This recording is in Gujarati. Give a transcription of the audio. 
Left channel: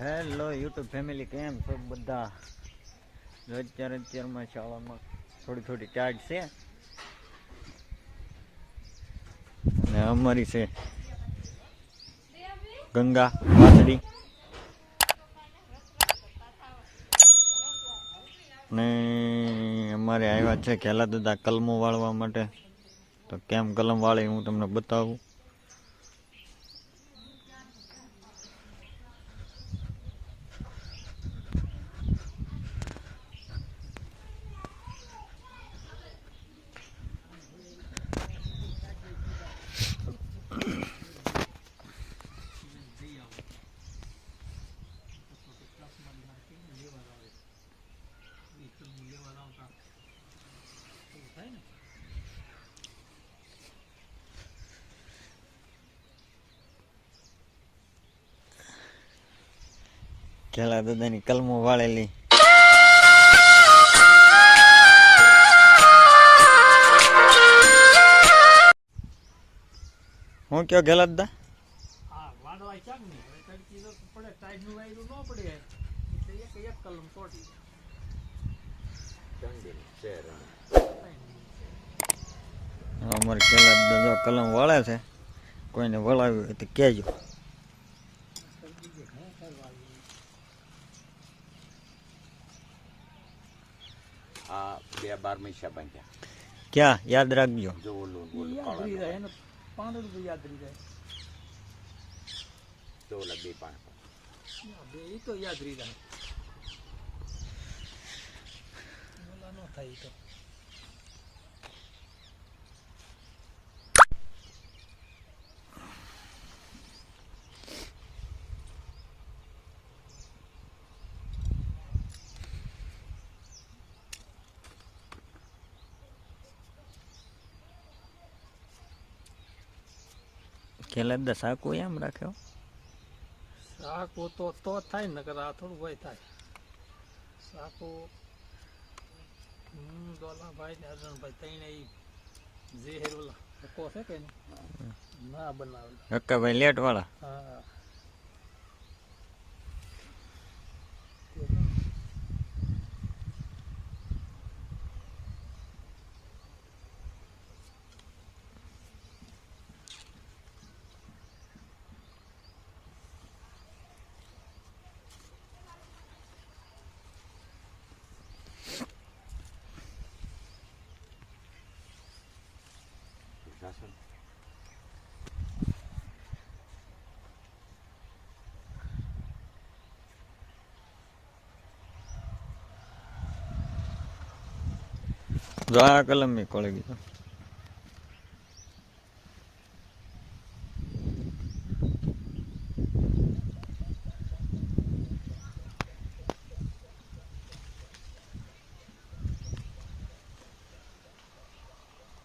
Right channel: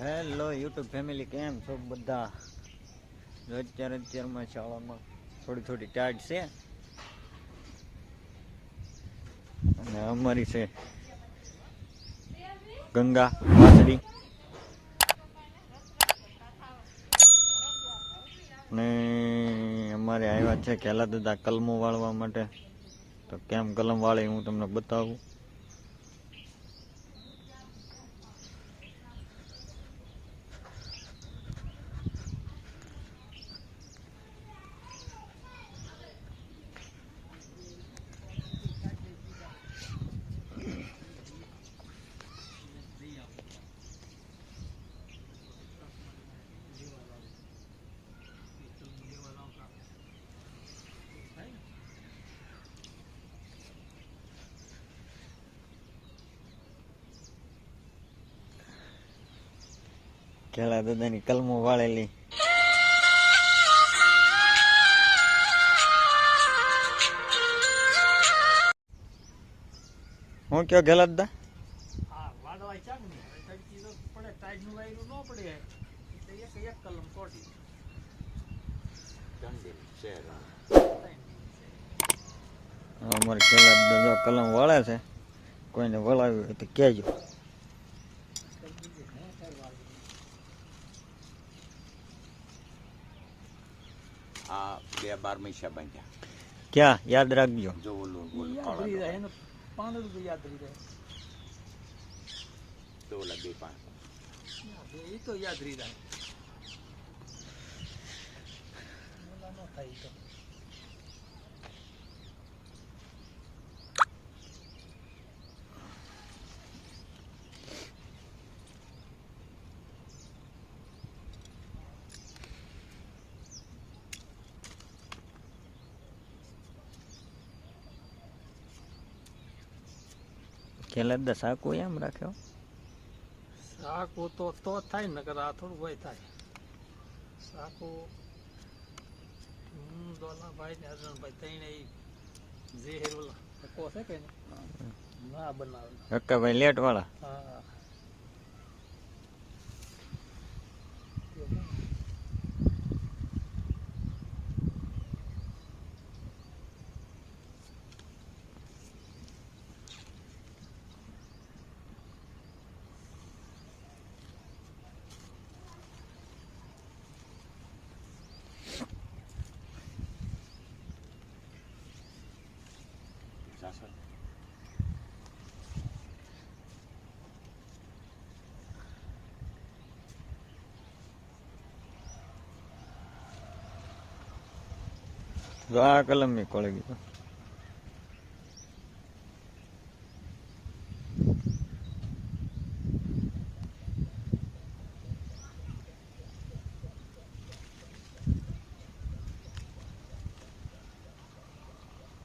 હેલો યુટ્યુબ ફેમિલી, કેમ છો બધા? અત્યારમાં શાળામાં થોડી ટાઈટ છે અને અમારી છે ગંગા વાસળી ને અમારે આવ્યા છે ખેલા દાદા કલમો વાળવા માટે. તો કેમ કલમ વાળે હું તમને બતાવું. ખેલા દાદાની કલમો વાળેલી હું કયો ખેલા દાદા? અમારે ખેલા દાદા કલમ વાળે છે, કોઈને વળાવ્યું હોય તો કહેજો. ક્યાં યાદ રાખજો. ખેલા દાદા સાકુ એમ રાખ્યો. સાકુ તો થાય ને, નકર આ થોડું હોય થાય. સાકુ દોલાભાઈ ને અર્જુનભાઈ તઈને જે હેરોલા હકો છે કે ના બનાવે. હક્કાભાઈ લેટ વાળા. હા, જો આ કલમ ની કોળી ગયો.